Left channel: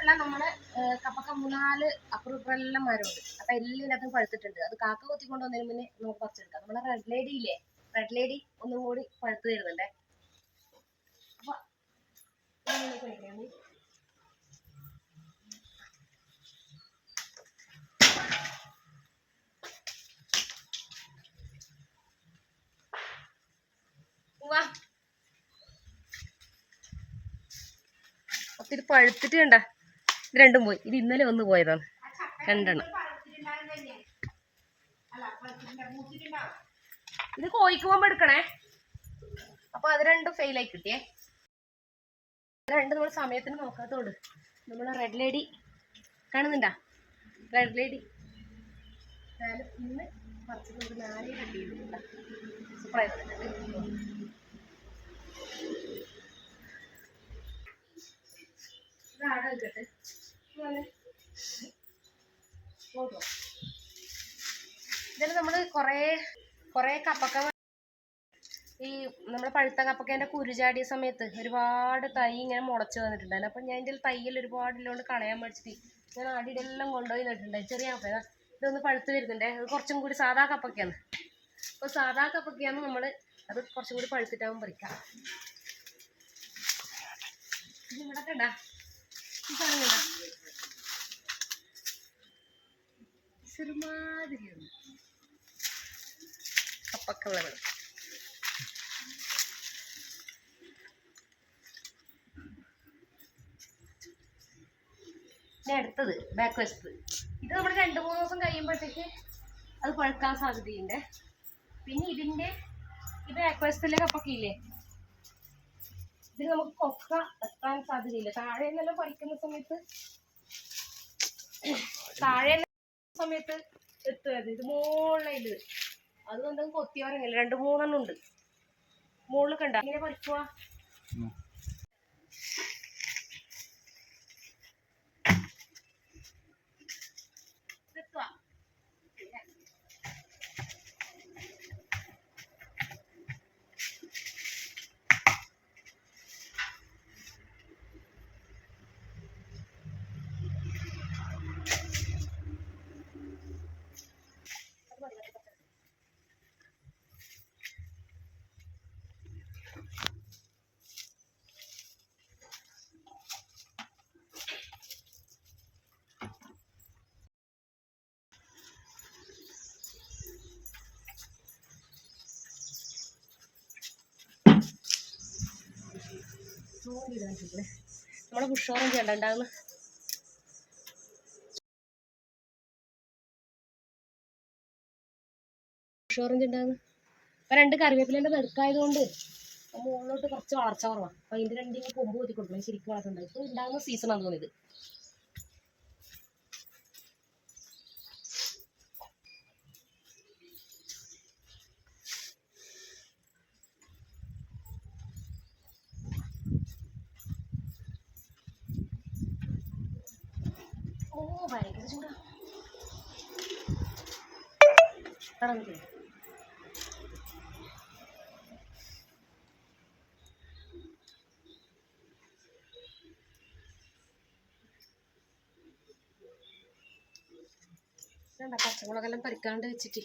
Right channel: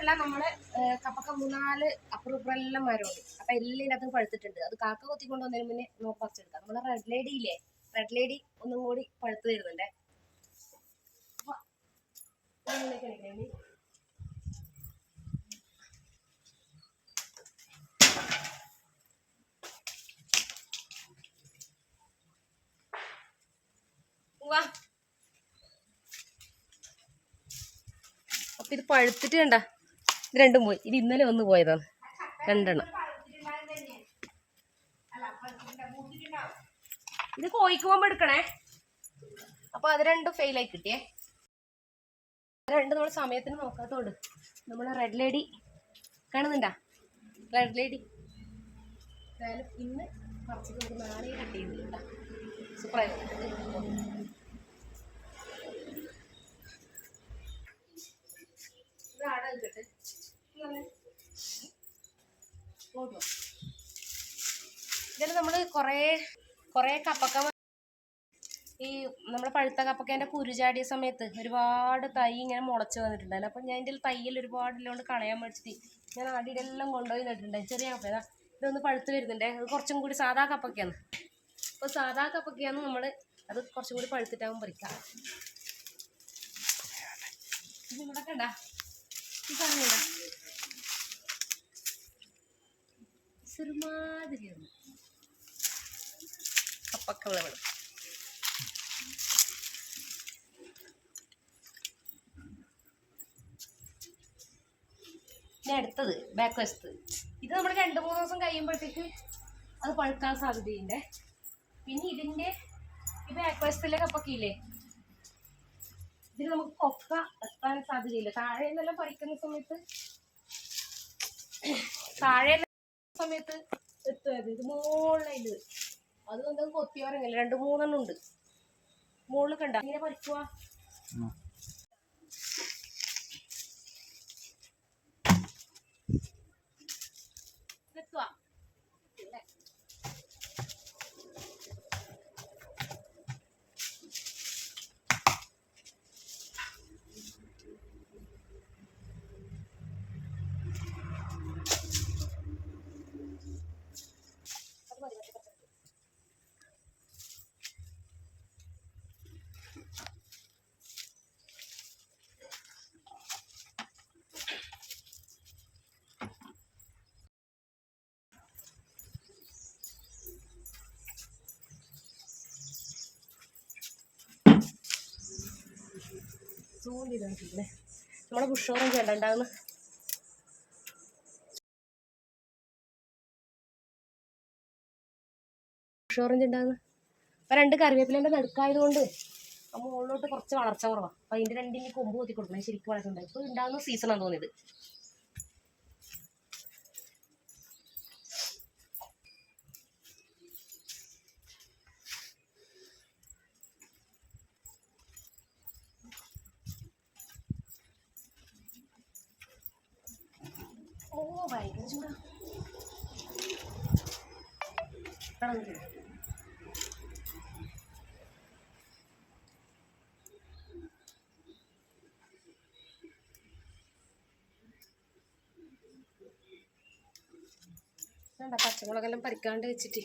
ഉണ്ടല്ല നമ്മൾ കപ്പക്ക മൂന്നാൽ അപ്പുറം എല്ലാം മരമുണ്ട്. അപ്പൊ എല്ലാത്തിനും പഴുത്തിട്ടുണ്ട്. അത് കാക്ക കൊത്തിക്കൊണ്ട് വന്നതിന് മുന്നേ നമുക്ക് പറിച്ചെടുക്കാം. നമ്മളെ റെഡ് ലേഡി ഇല്ലേ? റെഡ് ലേഡി ഒന്നും കൂടി പഴുത്ത് വരുന്നുണ്ടേ. അപ്പൊ വാ അപ്പൊ ഇത് പഴുത്തിട്ട് കണ്ട? ഇത് രണ്ടും പോയി ഇത് ഇന്നലെ വന്ന് പോയതാണ്. രണ്ടെണ്ണം. ഇത് കോഴിക്ക് പോകുമ്പോ എടുക്കണേ. അപ്പൊ അത് രണ്ടും ഫെയിൽ ആയി കിട്ടിയേ. രണ്ട് നമ്മൾ സമയത്തിന് നോക്കാത്തോണ്ട്. നമ്മൾ റെഡ് ലേഡി കാണുന്നുണ്ടാ? റെഡ് ലേഡി ഇന്ന് പറിച്ചിട്ട് നാളെ കിട്ടിയിട്ടുണ്ട് സൂപ്പറായി വന്നിട്ടുണ്ട് ഇത് ആടെ വെക്കട്ടെ ഇതിൽ നമ്മൾ കുറേ കുറേ കപ്പക്ക ഈ നമ്മുടെ പഴുത്ത കപ്പക്കേന്റെ കുരുചാടിയ സമയത്ത് ഒരുപാട് തൈ ഇങ്ങനെ മുളച്ച് വന്നിട്ടുണ്ടായിരുന്നു. അപ്പം ഞാൻ ഇതിൽ തൈയിൽ ഒരുപാട് ഇല്ലോണ്ട് കളയാൻ മേടിച്ചിട്ട് ഞാൻ ആടിയിടെല്ലാം കൊണ്ടുപോയി നട്ടിട്ടുണ്ടായി ചെറിയ കപ്പ ഇതാ ഇതൊന്ന് പഴുത്ത് വരുന്നുണ്ടേ. അത് കുറച്ചും കൂടി സാധാ കപ്പക്കയാണ്. അപ്പോൾ സാധാ കപ്പക്കയാണ് നമ്മൾ അത് കുറച്ചും കൂടി പഴുത്തിട്ടാവും പറിക്കാം. ഇവിടെ കണ്ടാ ഈ കണ്ടാ ചെറുമാതിരിയാണ് കപ്പക്ക വിളവ് ഇനി അടുത്തത് ബാക്ക് വശത്ത്. ഇത് നമ്മൾ രണ്ട് മൂന്ന് ദിവസം കഴിയുമ്പോഴത്തേക്ക് അത് പഴുക്കാൻ സാധ്യതയുണ്ട്. പിന്നെ ഇതിന്റെ ഈ ബാക്ക് വശത്തിലെ കപ്പൊക്കെ ഇല്ലേ ഇതിൽ നമുക്ക് കൊക്ക എത്താൻ സാധ്യതയില്ല. താഴെ നിന്നെല്ലാം പറിക്കുന്ന സമയത്ത് താഴെ സമയത്ത് എത്തുമായിരുന്നു ഇത് മുകളിലിത് അത് എന്തെങ്കിലും കൊത്തിയോരങ്ങില്ല രണ്ട് മൂന്നെണ്ണം ഉണ്ട്. മുകളിൽ കണ്ട? ഇങ്ങനെ പറിക്കുക സൂം നമ്മളെ പുഷോറും ചെയ്യണ്ടാവുന്ന പുഷോറഞ്ച് ഉണ്ടാകുന്നു അപ്പൊ രണ്ട് കറിവേപ്പിലേന്റെ നടുക്കായതുകൊണ്ട് ആ മുകളിലോട്ട് കുറച്ച് വളർച്ച കുറവാണ് അപ്പൊ അതിന്റെ രണ്ടിന് കൊമ്പ് കൊത്തി കൊടുക്കണം ശരിക്കും വളർത്തുണ്ടായി ഇപ്പൊ ഉണ്ടാകുന്ന സീസണാണ് തോന്നിയത് ഓ പച്ചമുളകെല്ലാം പരിക്കാണ്ട് വെച്ചിട്ട്?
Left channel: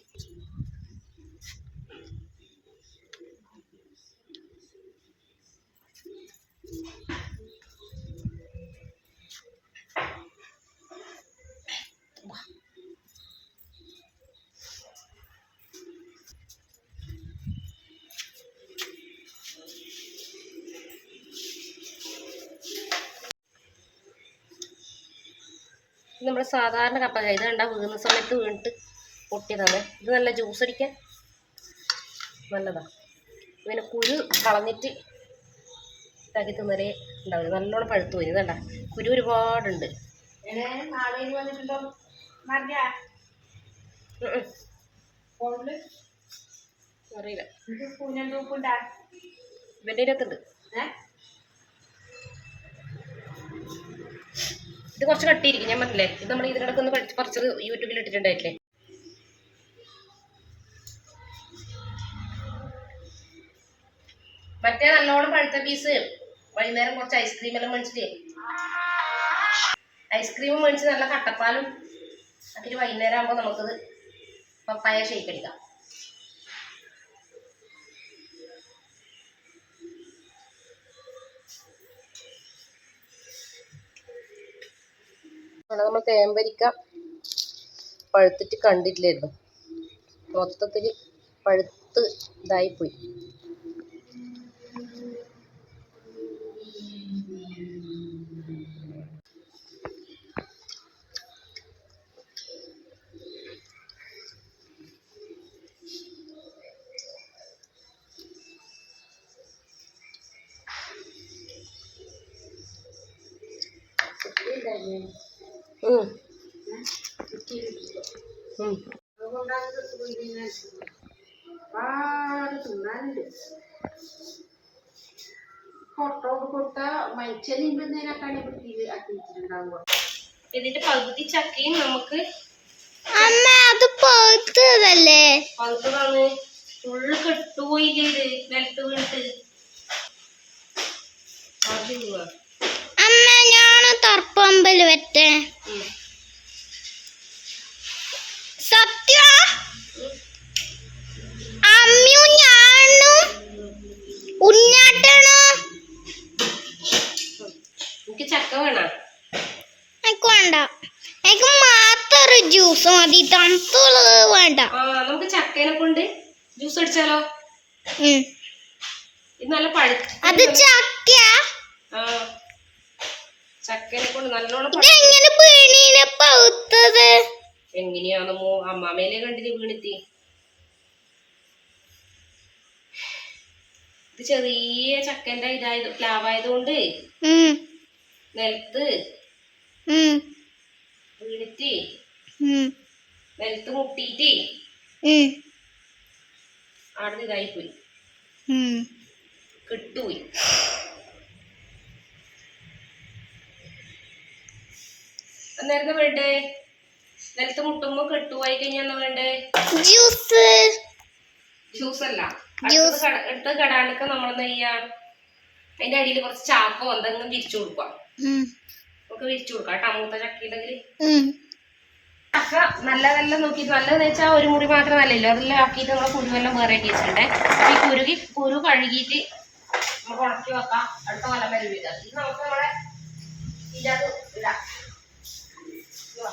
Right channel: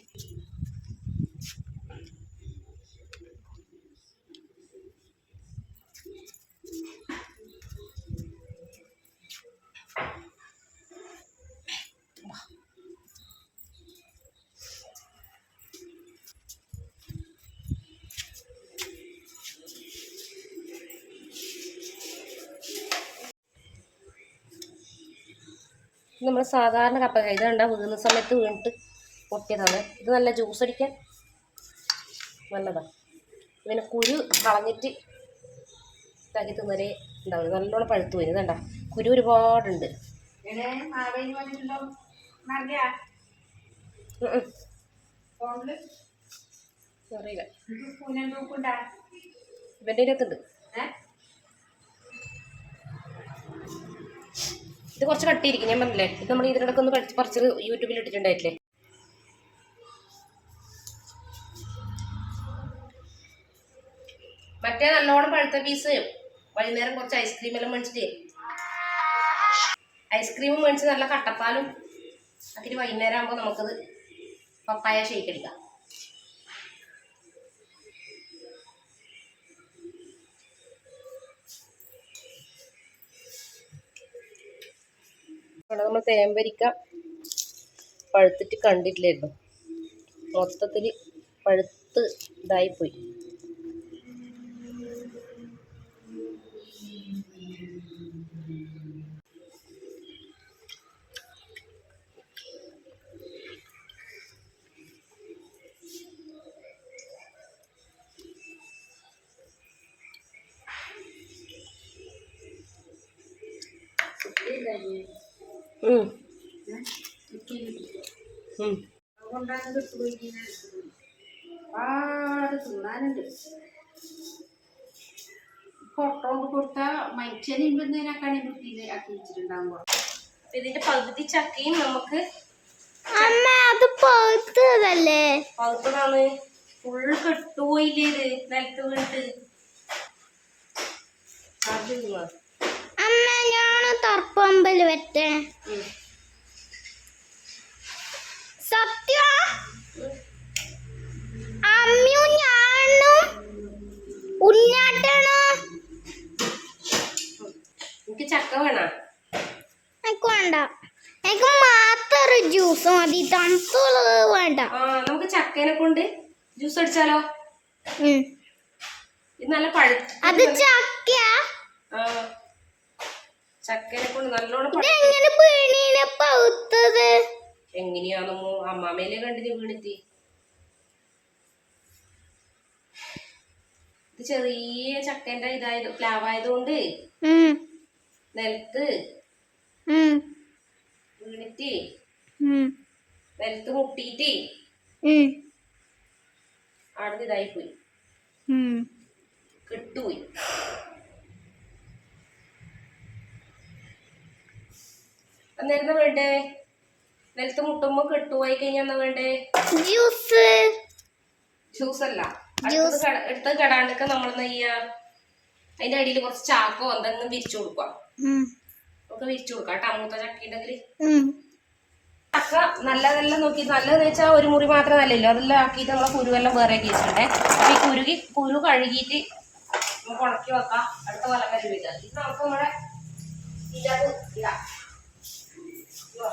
നമ്മൾ സാധാരണ കപ്പ ഇത് കണ്ട വീഴുന്ന സമയത്ത് വീണിട്ട് പൊട്ടിയതാണ്. ഇത് നല്ല ജ്യൂസ് അടിക്കാൻ നല്ലതാണ് ഇതിനെ കുരു കളഞ്ഞിട്ട് ഇതാക്കി തിന്നലേ ഉണ്ടാവില്ല നല്ലോണം പഴുത്തു പോയി. ഇതണ്ട കുരു ഒരുപാടുണ്ട്. അറിയില്ല. ഇവന്റെ അകത്തുണ്ട് ഇത് കുറച്ച് കട്ടിയിരിക്കും ഞാൻ പറഞ്ഞില്ലേ? ഇത് നമ്മൾ ഇതിനിടയ്ക്ക് ഒന്ന് പഠിച്ച് പറിച്ചത് യൂട്യൂബിൽ ഇട്ടിട്ടുണ്ടായിട്ടില്ലേ? മറ്റേ നല്ലോണം പഴുത്ത പീസ് വൈകുന്നേരം കുറച്ച് ഐസ്ക്രീം എല്ലാം മേടിച്ചിട്ട്. ഐസ്ക്രീം മേടിച്ച് നല്ല കട്ടപ്പാലും അതിന് വൈകുന്നേരം ആകുമ്പോൾ നമുക്കത് പപ്പായ ഷേക്ക് അടിക്കാം. ഇവിടെ നമ്മൾ തേമ്പരിക്ക പഴുത്തിട്ട് കണ്ടിട്ടില്ലായിരുന്നു മൊത്തത്തിൽ പഴുത്ത് ഇതായിപ്പോയി Thank ഉം. തിന്നാനുണ്ട് ഫോട്ടോ കൊടുത്ത മനുഷ്യനിമ്പന്നേനൊക്കെയാണ് വൃത്തിയിൽ ആക്കി വെച്ചിട്ടുണ്ടാകുമ്പോൾ അപ്പൊ ഇതിന്റെ പകുതി ചക്കയും നമുക്ക് അമ്മ അത് പഴുത്തതല്ലേ പകുത്തതാണ് ഫുള്ള് കെട്ടുപോയില്ലേ ഇത്. നിലത്ത് വീണിട്ട്. അത് ഞാൻ തർപ്പമ്പൽ വെറ്റേ. സത്യ? അമ്മു ഞാനും ഉണ്ണാട്ടണോ എനിക്ക് ചക്ക വേണം. എനിക്ക് വേണ്ട. എനിക്ക് മാത്രം ഒരു ജ്യൂസ് മതി. തണുത്തുള്ളത് വേണ്ട. നമുക്ക് ചക്കേനെ കൊണ്ട് ജ്യൂസ് അടിച്ചാലോ. ഇത് നല്ല പഴുത്ത അത് ചക്ക ആ. ചക്കേനെ കൊണ്ട് നല്ലോണം എങ്ങനെയാണെന്നോ അമ്മാമേലെ കണ്ടിന് വീണിത്തി ഇത് ചെറിയ ചക്കന്റെ ഇതായത് പ്ലാവായതുകൊണ്ട്. നിലത്ത്. വീണിട്ട്. നിലത്ത് മുട്ടിയിട്ട്. അവിടെ ഇതായി പോയി കെട്ടുപോയി അന്നേരം വേണ്ടേ? നിലത്ത് മുട്ടുമ്പോ കെട്ടുപോയി കഴിഞ്ഞാ എന്നാ വേണ്ടേ? ജ്യൂസ്. ജ്യൂസ്. അല്ല എടുത്ത് കടാണ്ടൊക്കെ നമ്മൾ എന്താ ചെയ്യാ? അതിന്റെ അടിയിൽ കുറച്ച് ചാക്കോ എന്തെങ്കിലും വിരിച്ചു കൊടുക്കാം നമുക്ക് വിരിച്ചു കൊടുക്കാം കേട്ടോ മൂത്ത ഉം. ചക്ക നല്ലതെല്ലാം നോക്കി നല്ലതെന്ന് വെച്ചാൽ ഒരു മുറി മാത്രം നല്ലല്ലോ അതെല്ലാം ആക്കിയിട്ട് നമ്മളെ കുരുവെല്ലാം വേറെ കേസിട്ടെ വെച്ചിട്ടുണ്ടേ അപ്പൊ ഈ കുരുകി കുരു കഴുകിയിട്ട് നമുക്ക് ഉണക്കി വെക്കാം. അടുത്ത കൊല്ലം വരെ ഇത്. നമുക്ക് നമ്മളെ ഇതിനകത്ത് ഇടാം ഇതാ.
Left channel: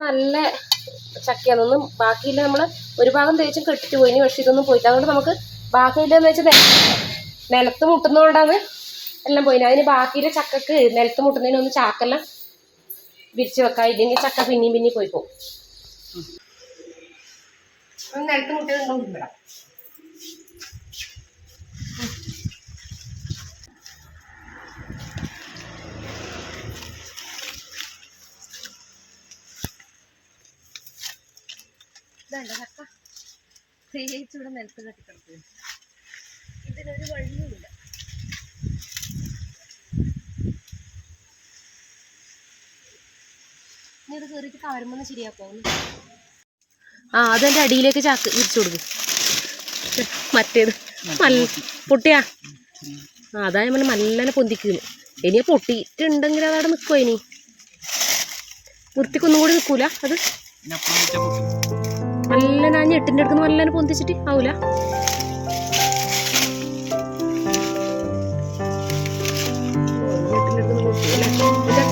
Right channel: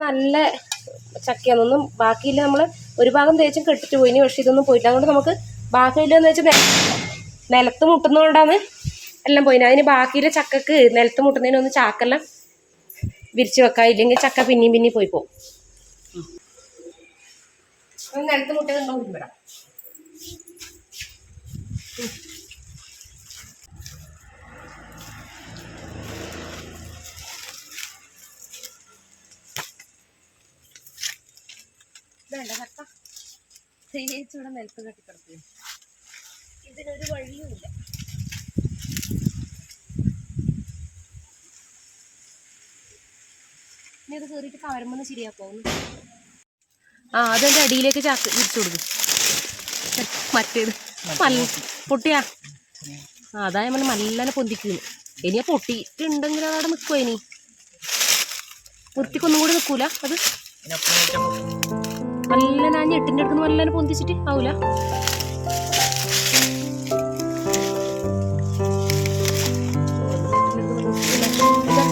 നല്ല ചക്കയാണെന്നും ബാക്കിയില്ല നമ്മൾ ഒരു ഭാഗം തേച്ചും കെട്ടിട്ട് പോയിനി പക്ഷെ ഇതൊന്നും പോയില്ല. അതുകൊണ്ട് നമുക്ക് ബാക്കിയില്ലെന്ന് വെച്ചാൽ നിലത്ത് മുട്ടുന്നതുകൊണ്ടാണ് എല്ലാം പോയിന്. അതിന് ബാക്കിയിലെ ചക്കക്ക് നിലത്ത് മുട്ടുന്നതിനൊന്ന് ചാക്കെല്ലാം വിരിച്ച് വെക്കാം. ഇല്ലെങ്കിൽ ചക്ക പിന്നെയും പിന്നെയും പോയി പോകും. നിലത്ത് മുട്ട വിടാം ഇതല്ല തേച്ച് ഇവിടെ നിലത്ത് കെട്ടിക്കിടക്കുന്നു ഇതിനൊരു വഴിയുമില്ല. ഇനി ഇത് കയറിയിട്ട് കവരുമ്പോൾ ശരിയാക്കാവുന്നു ആ അതെന്റെ അടിയിലേക്ക് ചാക്ക് വിരിച്ചു കൊടുക്കും. മറ്റേത്. നല്ല പൊട്ടിയാ? ആ അതാ നമ്മൾ നല്ലനെ മല്ലനെ പൊന്തിക്കുന്നു ഇനി പൊട്ടിയിട്ടുണ്ടെങ്കിൽ അതവിടെ നിൽക്കുമോ ഇനി? വൃത്തിക്കൊന്നും കൂടി നിൽക്കൂല അത്? നല്ല ഞാൻ ഞെട്ടിന്റെ അടുത്ത് നല്ല പൊന്തിച്ചിട്ട് ആവൂല.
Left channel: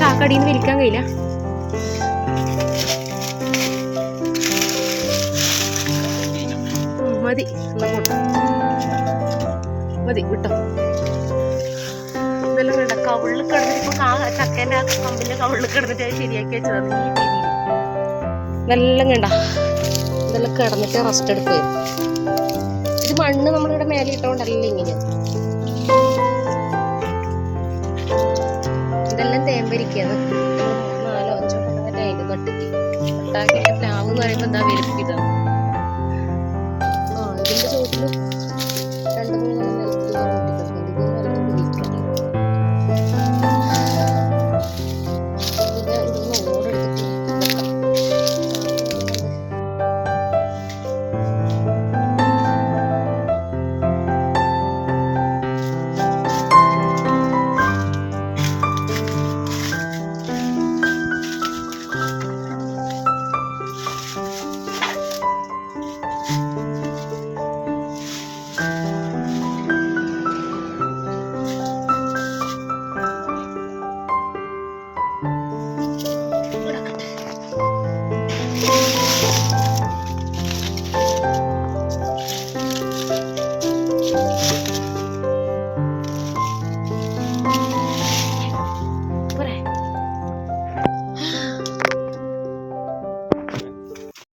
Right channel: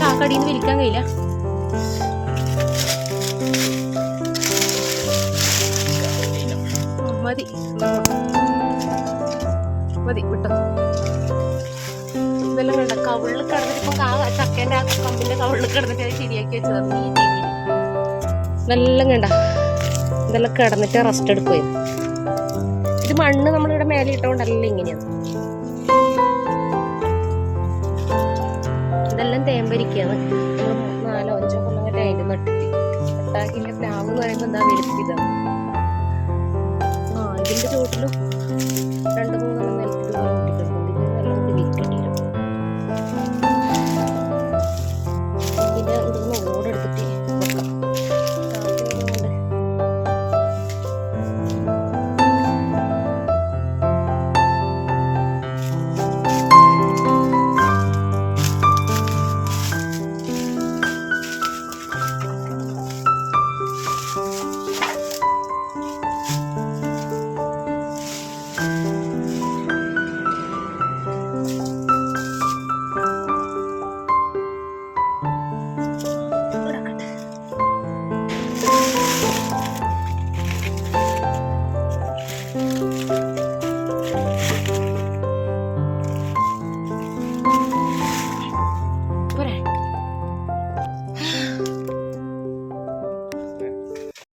ചാക്കടിയിൽ നിന്ന് വലിക്കാൻ കഴിയില്ല. മതി. മതി വിട്ടോ. ഇതെല്ലാം കണ്ട കവിളിൽ കിടന്നിട്ട് ഇപ്പം ആ ചക്കേന്റെ ആ കമ്പിന്റെ കവിളിൽ കിടന്നിട്ട് ശരിയാക്കി രീതിയിൽ ഇതെല്ലാം കണ്ട ഇതെല്ലാം കിടന്നിട്ട് റെസ്റ്റ് എടുക്കുകയും ഇത് മണ്ണ് നമ്മളിവിടെ മേലെ ഇട്ടുകൊണ്ടല്ല ഇങ്ങനെയാണ് ഇതെല്ലാം തേമ്പരിക്കാണ് നാലോ അഞ്ചോ കൊല്ലം അതിന്റെ നട്ടിട്ട്. ഒട്ടാക്കില്ല പ്ലാവ് എന്ന് പറയുമ്പോൾ എന്താ വലുപ്പിതാണ്